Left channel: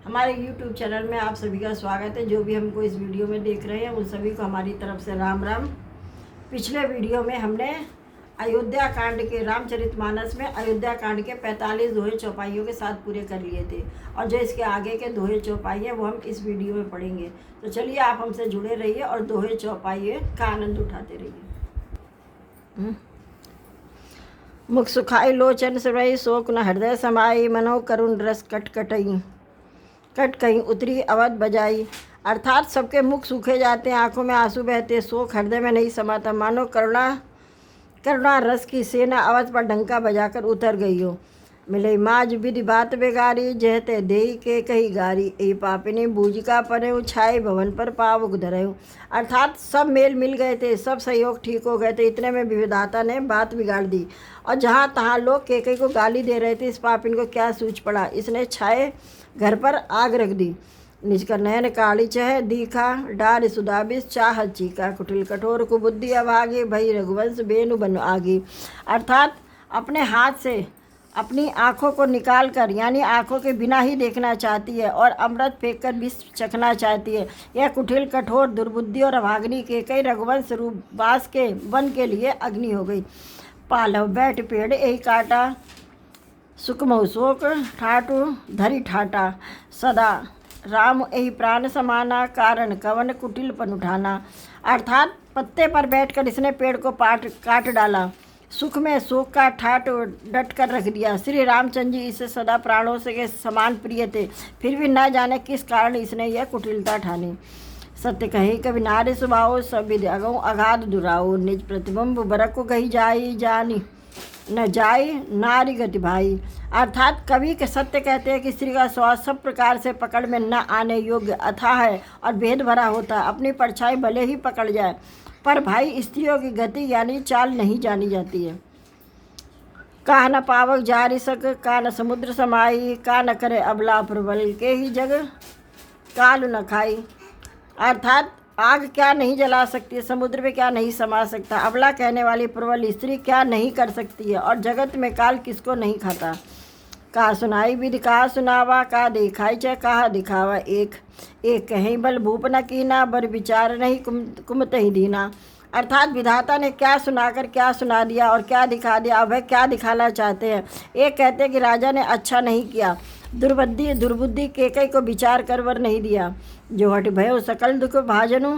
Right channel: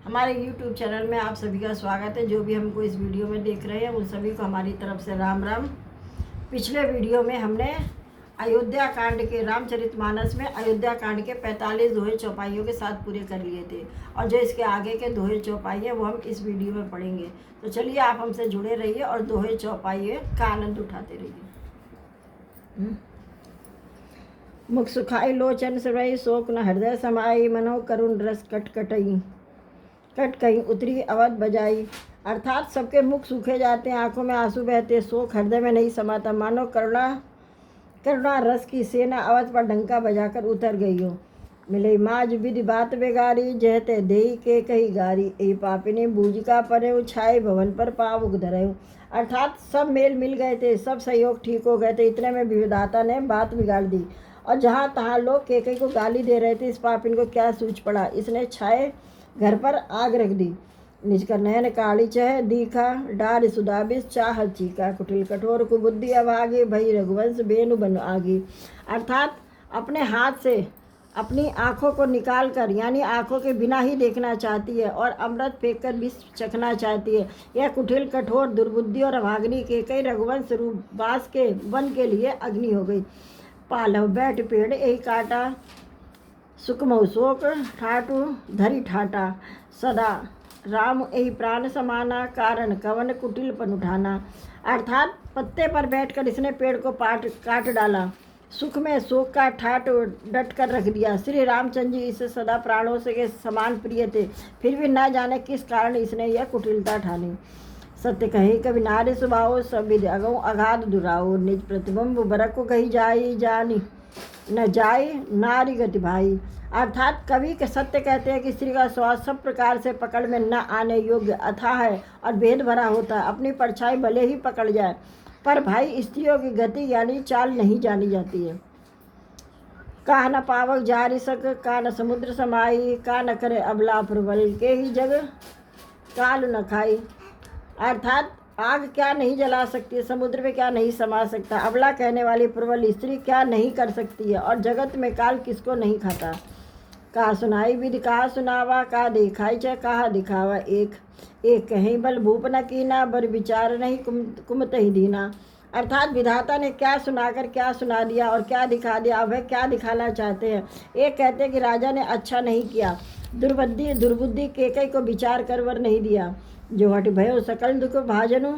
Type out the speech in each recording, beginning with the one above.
हमारे YouTube channel में आप सभी का स्वागत है। जो भी हमको इस वीडियो में देख रहे हैं उन सभी को हमारी तरफ से राम राम। पिछले वीडियो में हमने अयोध्या कांड के रामचरितमानस में अयोध्या कांड के 45 दोहे चौपाइयों के साथ पूरे कर लिए थे, और जो इसके आगे के दोहे चौपाई हैं वो हम इस वीडियो में पढ़ेंगे। तो चलिए आप हमसे जुड़े रहिए और दोहे चौपाई का आनंद उठाते रहिए। मुख सुखाई लोचन सुरई शोक न हृदय समाई, मनो करुण रस कट कहीं उतरी अवध बजाई। अर्थात सबके मुख सूखे जाते हैं, आंखों में आंसू बहते, शोक हृदय में नहीं समाता, मानो करुणा रस की सेना अवध पर डंका बजाकर उतर गई हो। मिले माज विधि बात बेगारी, जहते देई के कही गारी, ए पापिनी बूजिका परे छाए भवन पर पावक धरे। अर्थात सब मेल मिल गए थे, सब सहयोग ठीक हो गए थे, इतने में विधाता ने बात बिगाड़ दी, और जहाँ तहाँ लोग केकई को गाली दे रहे थे। इस पापिन को क्या सूझ पड़ा, इसने छाए घर पर आग रख दी। निज कर नयन काली चह दीखा, डार सुदाबिस चाह चीका, कुटिल कठोर कुबुद्धि अभागे, भई रघुवंश बेनु बन आगी। अर्थात अपने हाथ से अपनी आँखों को निकाल कर, यानी आँखों के बिना ही देखना चाहती है, और अमृत फेंक कर विष चखना चाहती है। यह कुटिल कठोर दुर्बुद्धि और अभागनी के कई रघुवंश रूप बास के वन के लिए अग्नि हो गई। पालव बैठ पेड़ यही काटा, सुकमऊ शोक ठाटू धरी ठाटा, सदा राम यही प्राण समाना, कारण कवन कुटिल पन उठाना। अर्थात पत्ते पर बैठकर इसने पेड़ को काट डाला, सुख में शोक का ठाट डट कर रख दिया। श्री रामचंद्र जी इसे सदा प्राणों से के समान प्रिय थे, फिर भी न जाने किस कारण इसने यह कुटिलता ठानी। सत्य कही कभी नारी स्वभाव, सब विधि अगौ अगाध दुराओ, निज प्रतिबिंब बरक को कही जाई, जानी न जाए नारी गति भाई। अर्थात कवि के सत्य कहते हैं कि स्त्री का स्वभाव सब प्रकार से पकड़ में न आने योग्य अथाह है और भेद भरा होता है। अपनी परछाई भले ही पकड़ जाए, पर भाई स्त्रियों की गति यानी चाल नहीं जानी जाती है। का न पावक जारी सक, का न समुद्र समाई, का न करे अबला प्रबल, के ही जग काल न खाई। अर्थात आग क्या नहीं जला सकती, समुद्र में क्या नहीं समा सकता, अबला कहने वाली प्रबल स्त्री क्या नहीं कर सकती है, और जगत में काल किसको नहीं खाता। कहा सुनाई विधि कहा सुनावा, का दिखाई च कहा दिखावा, एक कहीं बल भूप न कीना, बर विचार नहीं कुमत ही दीना। अर्थात विधाता ने क्या सुनाकर क्या सुना दिया और क्या दिखा दिया, अब वह क्या दिखाना चाहते हैं। एक कहते हैं कि राजा ने अच्छा नहीं किया, दुर्बुद्धि केकई को विचार कर वर नहीं दिया, जो हट भयो सकल दुख भाजनु,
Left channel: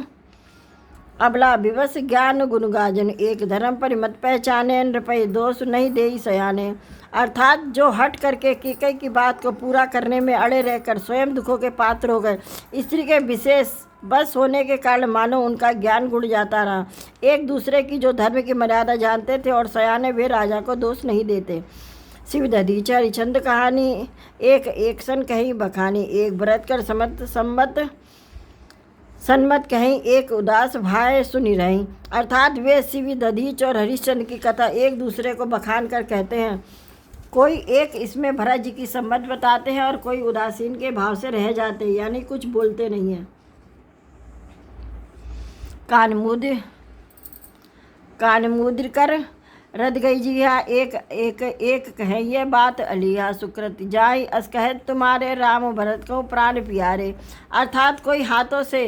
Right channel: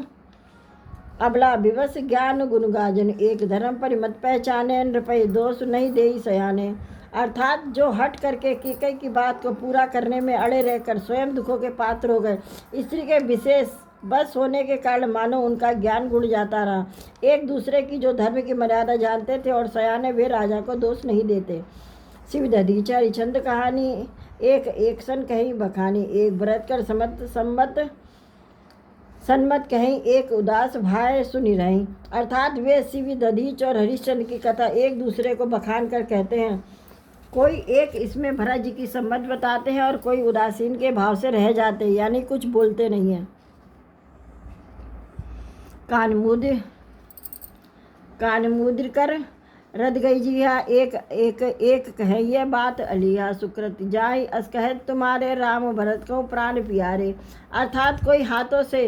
अबला विवश ज्ञान गुण गाजन, एक धर्म पर मत पहचाने, नृपय दोष नहीं देई सयाने। अर्थात जो हट करके केकई की बात को पूरा करने में अड़े रहकर स्वयं दुखों के पात्र हो गए। स्त्री के विशेष बस होने के कारण मानो उनका ज्ञान गुण जाता रहा। एक दूसरे की जो धर्म की मर्यादा जानते थे, और सयाने वे राजा को दोष नहीं देते। शिव दधीचा हरिचंद कहानी, एक सन कहीं बखानी, एक व्रत कर सन्मत कहीं, एक उदास भाई सुनी रही। अर्थात वे शिव दधीच और हरिश्चंद्र की कथा एक दूसरे को बखान कर कहते हैं। कोई एक इसमें भरत जी की सम्मत बताते हैं और कोई उदासीन के भाव से रह जाते हैं, यानी कुछ बोलते नहीं हैं। कान मुद्र कर रद गई जिया, एक कहे ये बात अलिया, सुकृत जाय अस कहे तुम्हारे, राम भरत को प्राण प्यारे। अर्थात कोई हाथों से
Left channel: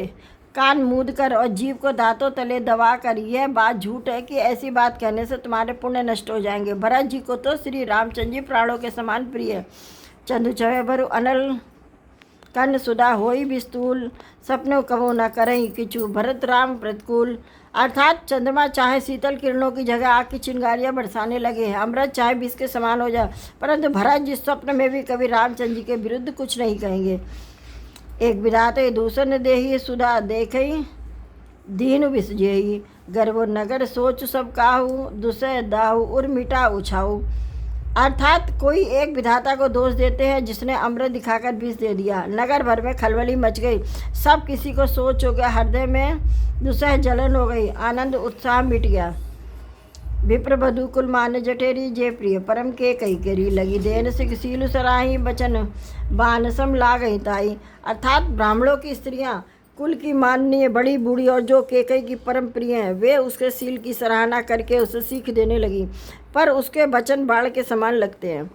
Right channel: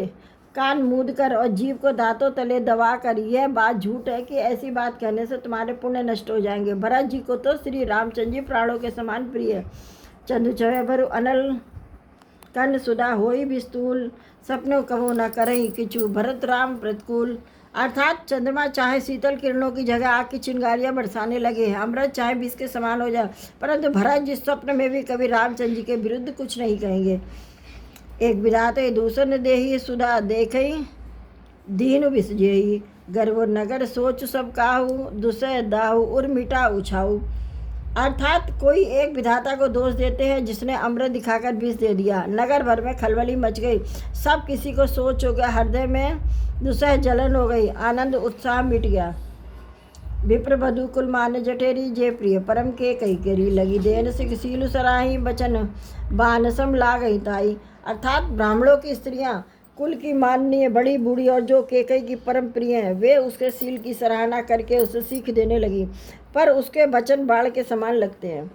कान मूद कर और जीव को दांतों तले दबा कर यह बात झूठ है कि ऐसी बात कहने से तुम्हारे पुण्य नष्ट हो जाएंगे। भरत जी को तो श्री रामचंद्र जी प्राणों के समान प्रिय। चंदु चवे भरु अनल कन सुधा होई विस्तूल, सपनों कबो न करही किचु, भरत राम प्रतिकूल। अर्थात चंद्रमा चाहे शीतल किरणों की जगह आग की चिंगारियां बरसाने लगे, अमृत चाहे विष के समान हो जाए, परंतु भरत जिस स्वप्न में भी कभी रामचंद्र जी के विरुद्ध कुछ नहीं कहेंगे। एक विधाते दूसर देही, सुधा देखई दीन विसजयी, गर्व नगर सोच सब काहू, दुसह दाहू उर मिटा उछाऊ। अर्थात कोई एक विधाता को दोष देते हैं जिसने अमृत दिखाकर विष दे दिया, नगर भर में खलबली मच गई, सब किसी को सोच हो गया, हृदय में दुसह जलन हो गई, आनंद उत्साह मिट गया। विप्र बधु कुल मान जठेरी, जे प्रिय परम के कई करी, लगी देन सिख सीलु सराही, बचन बानसम लागई ताई। अर्थात ब्राह्मणों की स्त्रियां कुल की माननीय बड़ी बूढ़ी और जो केकई की परम प्रिय हैं, वे उसके सील की सराहना करके उसे सीख देने लगी, पर उसके वचन बाढ़ के समान लगते हैं।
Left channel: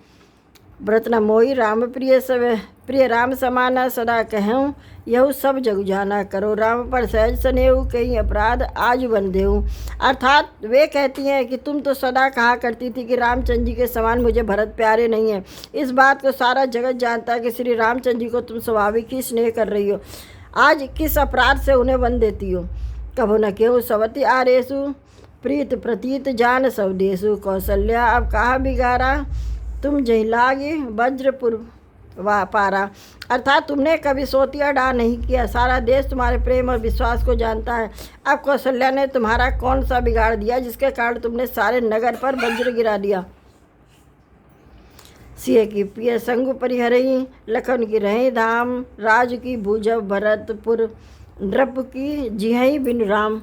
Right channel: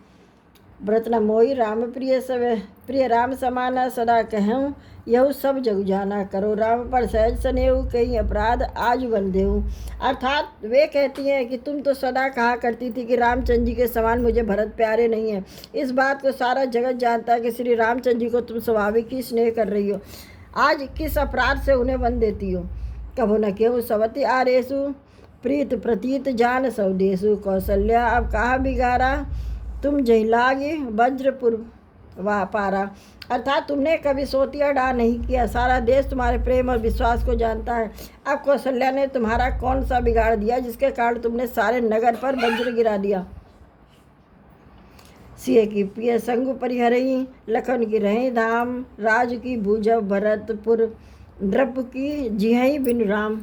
व्रत न मोहि राम प्रिय राम समाना सदा कहूँ यहु सब जग जाना करो राम पर सहज स्नेहु कई अपराध आज बन देहूँ। अर्थात वे कहती हैं कि तुम तो सदा कहा करती थी कि रामचंद्र जी के समान मुझे भरत प्यारे नहीं है। इस बात को सारा जगत जानता है कि श्री रामचंद्र जी को तुम स्वाभाविक ही स्नेह कर रही हो। आज किस अपराध से उन्हें वन देती हो। कभो न केहू सवती आरेसु प्रीत प्रतीत जान स्वदेशु कौशल्या अब कहा बिगारा तुम जही लागे वज्रपुर वाह पारा। अर्थात तुमने कभी सोतिया डा नहीं किया, सारा देश तुम्हारे प्रेम और विश्वास को जानता है। अब कौशल्या ने तुम्हारा कौन सा बिगाड़ दिया जिसके कारण तुमने सारे नगर पर वज्र गिरा दिया। सिंह की पिय संग परिहरही लखन की रही धाम राज की भूजब भरतपुर नृप की जिहई बिन राम।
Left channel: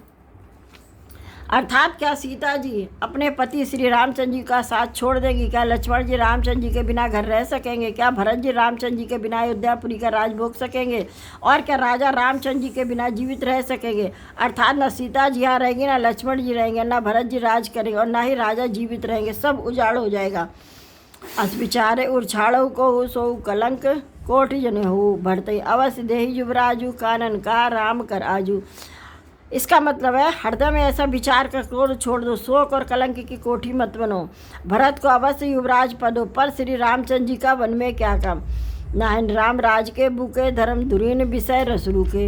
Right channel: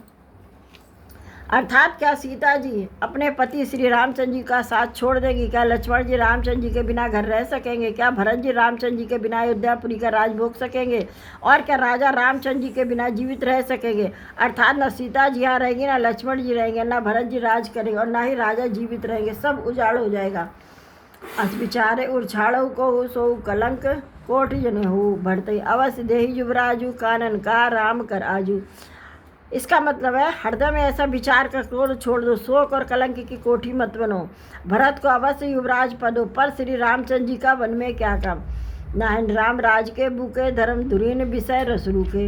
अर्थात क्या सीता जी अपने पति श्री रामचंद्र जी का साथ छोड़ देंगी? क्या लक्ष्मण जी रामचंद्र जी के बिना घर रह सकेंगे? क्या भरत जी रामचंद्र जी के बिना अयोध्यापुरी का राज भोग सकेंगे? और क्या राजा रामचंद्र जी के बिना जीवित रह सकेंगे? अर्थात न सीता जी यहाँ रहेंगी, न लक्ष्मण जी रहेंगे, न भरत जी राज करेंगे और न ही राजा जीवित रहेंगे। सब उजाड़ हो जाएगा। अस विचारे उछाड़ो को सो कलंक कोटि जने हो भरते अवश्य देही युवराजू कानन का राम कर आजू। इसका मतलब है हृदय में ऐसा विचार कर क्रोध छोड़ दो, शोक और कलंक की कोठी मत बनो। भरत को अवश्य युवराज पदो, पर श्री रामचंद्र जी का वन में क्या काम। नाहन राम राज के बुके धर्म धुरीन विषय रसरू के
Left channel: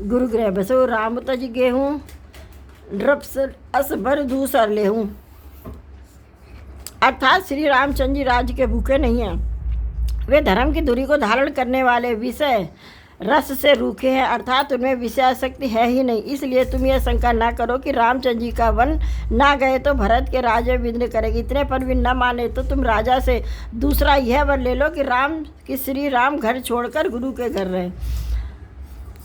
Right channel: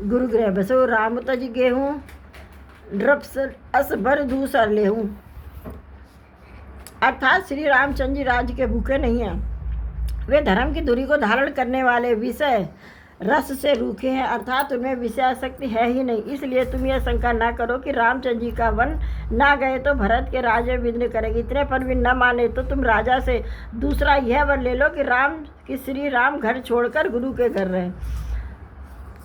गुरु गृह बसो राम तज गेहूँ नृप अस भर दूसर लेहूँ। अर्थात श्री रामचंद्र जी राज्य के भूखे नहीं हैं, वे धर्म की धुरी को धारण करने वाले विषय रस से रूखे हैं। अर्थात उनमें विषयासक्ति है ही नहीं। इसलिए तुम यह शंका ना करो कि रामचंद्र जी का वन ना गए तो भरत के राज्य विघ्न करेगी। इतने पर भी न माने तो तुम राजा से दूसरा यह वर ले लो कि श्री राम घर छोड़कर गुरु के घर रहे।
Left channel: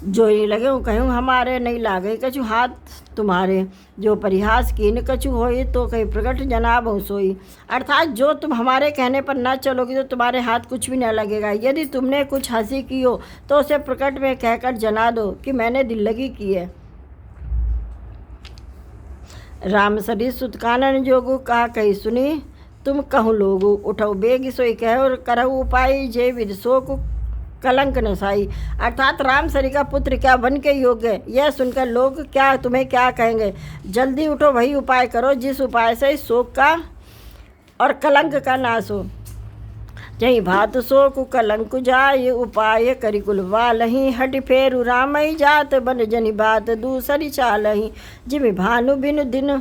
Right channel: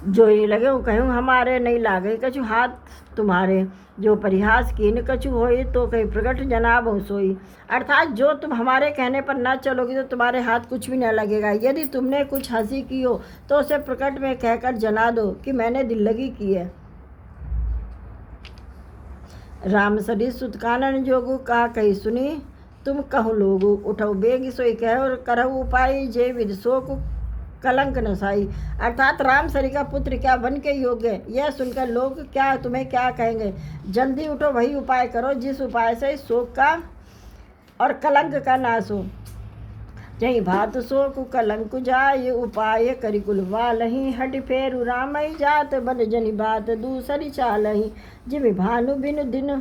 जो ही लगे वो कहूँ हमारे नहीं लागे कछु हाथ तुम्हारे, जो परिहास कीन कछु होई तो कहीं प्रकट जनाब हो सोई। अर्थात जो तुम हमारे कहने पर न चलोगी तो तुम्हारे हाथ कुछ भी न लगेगा। यदि तुमने कुछ हंसी की हो तो उसे प्रकट में कहकर जना दो कि मैंने दिल लगी की है। राम सरी सुत कानन जोगु कहा कही सुनी तुम कहूँ लोगु उठो बेग सोई कहो और करहु उपाय जे विद शोक कलंक नसाई। अर्थात राम सरी का पुत्र क्या बन के योग्य, यह सुनकर लोग क्या तुम्हें क्या कहेंगे। जल्दी उठो, वही उपाय करो जिस उपाय से शोक का और कलंक का नाश हो। जही भात शोक कलंक जाय उपाय करिकुल वालही हट फेरु रामई जात बन जनि बात दूसरी चालही। जिमि भानु बिनु दिन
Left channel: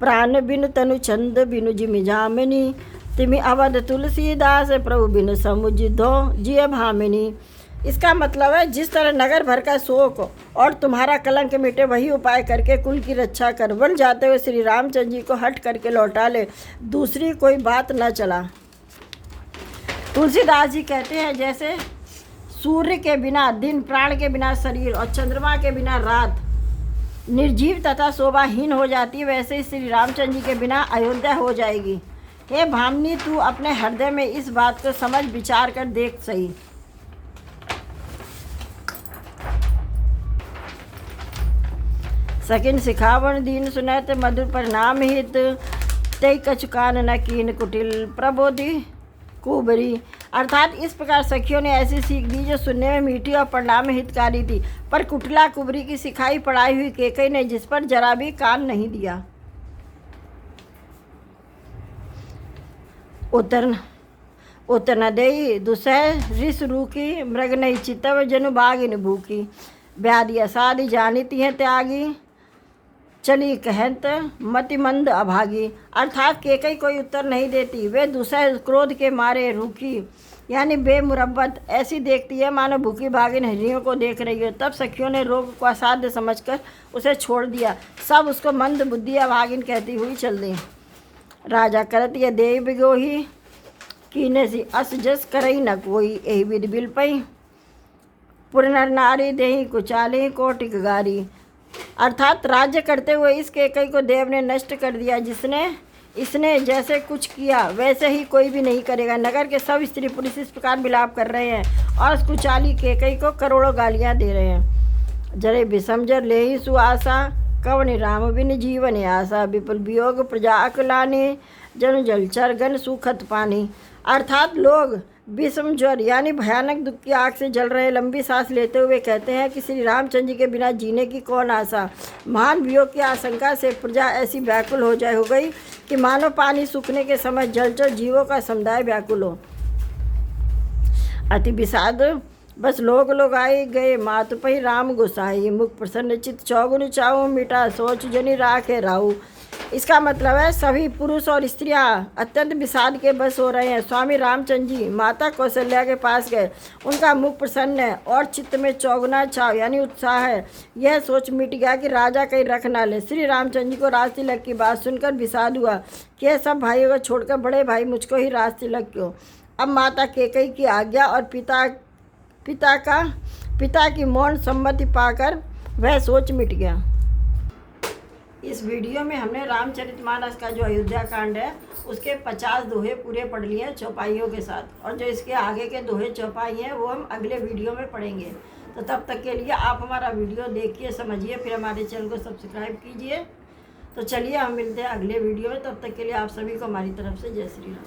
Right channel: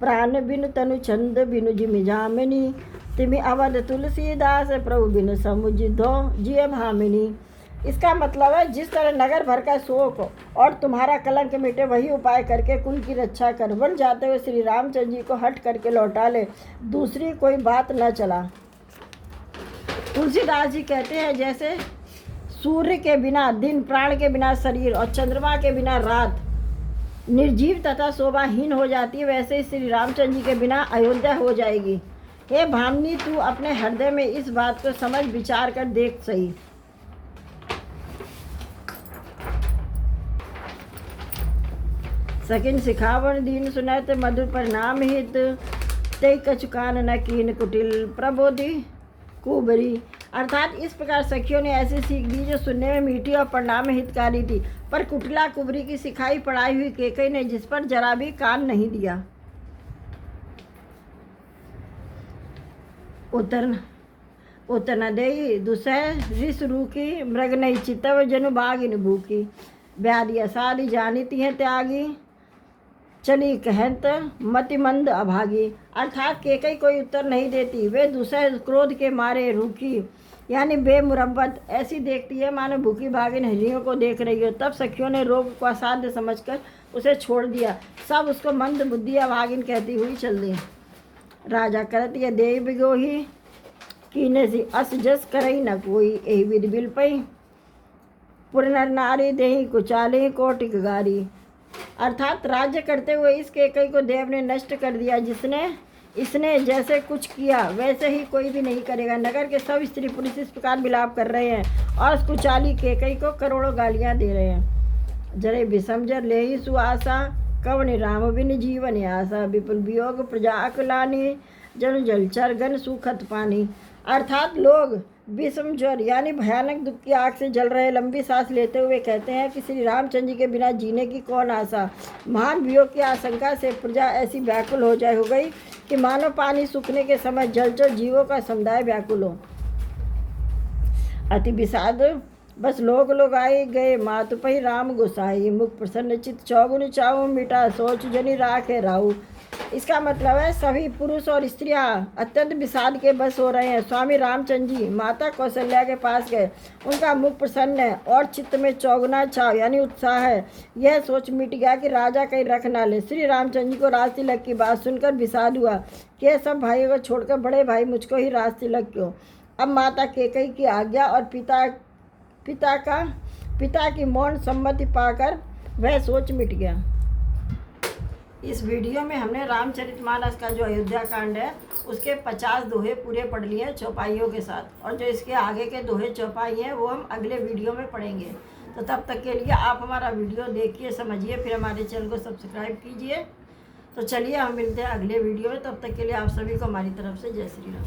प्राण बिनु तनु छंद बिनु जिमि जामिनी तिमि अवध तुलसीदास प्रभु बिन समुझ दो जिय भामिनी। इसका मतलब है जिस तरह नगर भर का शोक और तुम्हारा कलंक मिटे वही उपाय करके कुल की रक्षा कर। वन जाते हुए श्री रामचंद्र जी को हट करके लौटा ले, दूसरी कोई बात न चला। तुलसीदास जी कहते हैं जैसे सूर्य के बिना दिन, प्राण के बिना शरीर और चंद्रमा के बिना रात निर्जीव तथा शोभाहीन हो जाती है, वैसे ही श्री रामचंद्र जी के बिना अयोध्या हो जाएगी। हे भामिनी, तू अपने हृदय में इस बात को समझ विचार कर देख सही। सकिन सिखावन दीन सुनत मधुर परिणाम हित ते कचुकान न कीन कुटिल प्रबोधि कुबरी। अर्थात इस प्रकार सखियों ने ऐसी सीख दी जो सुनने में मीठी और परिणाम में हितकारी थी, पर कुटिला कुबरी की सिखाई पढ़ाई हुई केकई ने जिस पर जरा भी कान नहीं दिया। उतर न देई दुसह रिस रूकी मृग नहीं चितव जनु बागिन भूकी। ब्यादी असादी जानिती है त्यागी चली कहत मति मंद अभागी। अर्थात केकई कोई उत्तर नहीं देती, वे दुसह क्रोध के मारे रूखी यानी बेमुरब्बत ऐसी देखती है मानो भूखी भागिन हिरणियों को देख रही हो। तब सखियों ने रोग को असाध्य समझकर उसे छोड़ दिया। सब उसको मंद बुद्धि अभागिन कहती हुई चल दी। राजा करत ये देव बिगोही कीने सी अस जस करई न कोई यही विध बिल पई पुरनर नारी देही कुचाले कोटिक गारी। अर्थात राज्य करते हुए इस केकई को देव ने नष्ट कर दिया। इसने जैसे कुछ किया वैसे ही कोई भी नहीं करेगा। नगर के सब स्त्री पुरुष इस प्रकार विलाप कर रहे हैं और उस कुचाली केकई को करोड़ों गालियां दे रहे हैं। जरे विसमझर ले ही सुआसा कवनि राम बिन जीवन आशा विपुल वियोग प्रजा अकुलानी जनु जलचर गन सुखत पानी। अर्थात लोग विषम ज्वर यानी भयानक दुख की आग से जल रहे लंबी सांस लेते हुए कहते हैं कि श्री रामचंद्र जी के बिना जीने की कौन आशा। महान वियोग की आशंका से प्रजा ऐसी व्याकुल हो गई कि मानो पानी सूखने के समय जलचर जीवों का समुदाय व्याकुल हो। अति विषाद बस लोग आए गए मात पही राम गोसाई, मुख प्रसन्न चित चौगुन चाऊ, मिटा सोच जनी राखे राहु। इसका मतलब है सभी पुरुष और स्त्रियां अत्यंत विषाद के बस हो रहे हैं। स्वामी रामचंद्र जी माता कौशल्या के पास गए, उनका मुख प्रसन्न है और चित्त में चौगुना छाव यानी उत्साह है। यह सोच मिट गया कि राजा कहीं रख ना ले। श्री रामचंद्र जी को राज तिलक की बात सुनकर विषाद हुआ कि यह सब भाइयों को छोड़कर बड़े भाई मुझको ही राज तिलक क्यों। अब माता कैकेयी की आज्ञा और पिता की मौन सम्मति पाकर वह सोच मिट गया। इस वीडियो में हमने रामचरितमानस का जो अयोध्या कांड है उसके 50 दोहे पूरे पढ़ लिए हैं चौपाइयों के साथ, और जो इसके आगे के दोहे चौपाई हैं वो हम अगले वीडियो में पढ़ेंगे। तो तब तक के लिए आप हमारा वीडियो देखिए, समझिए, फिर हमारे चैनल को सब्सक्राइब कीजिए। तो चलिए हम मिलते हैं अगले वीडियो में, तब तक के लिए आप सभी को हमारी तरफ से जय श्री राम।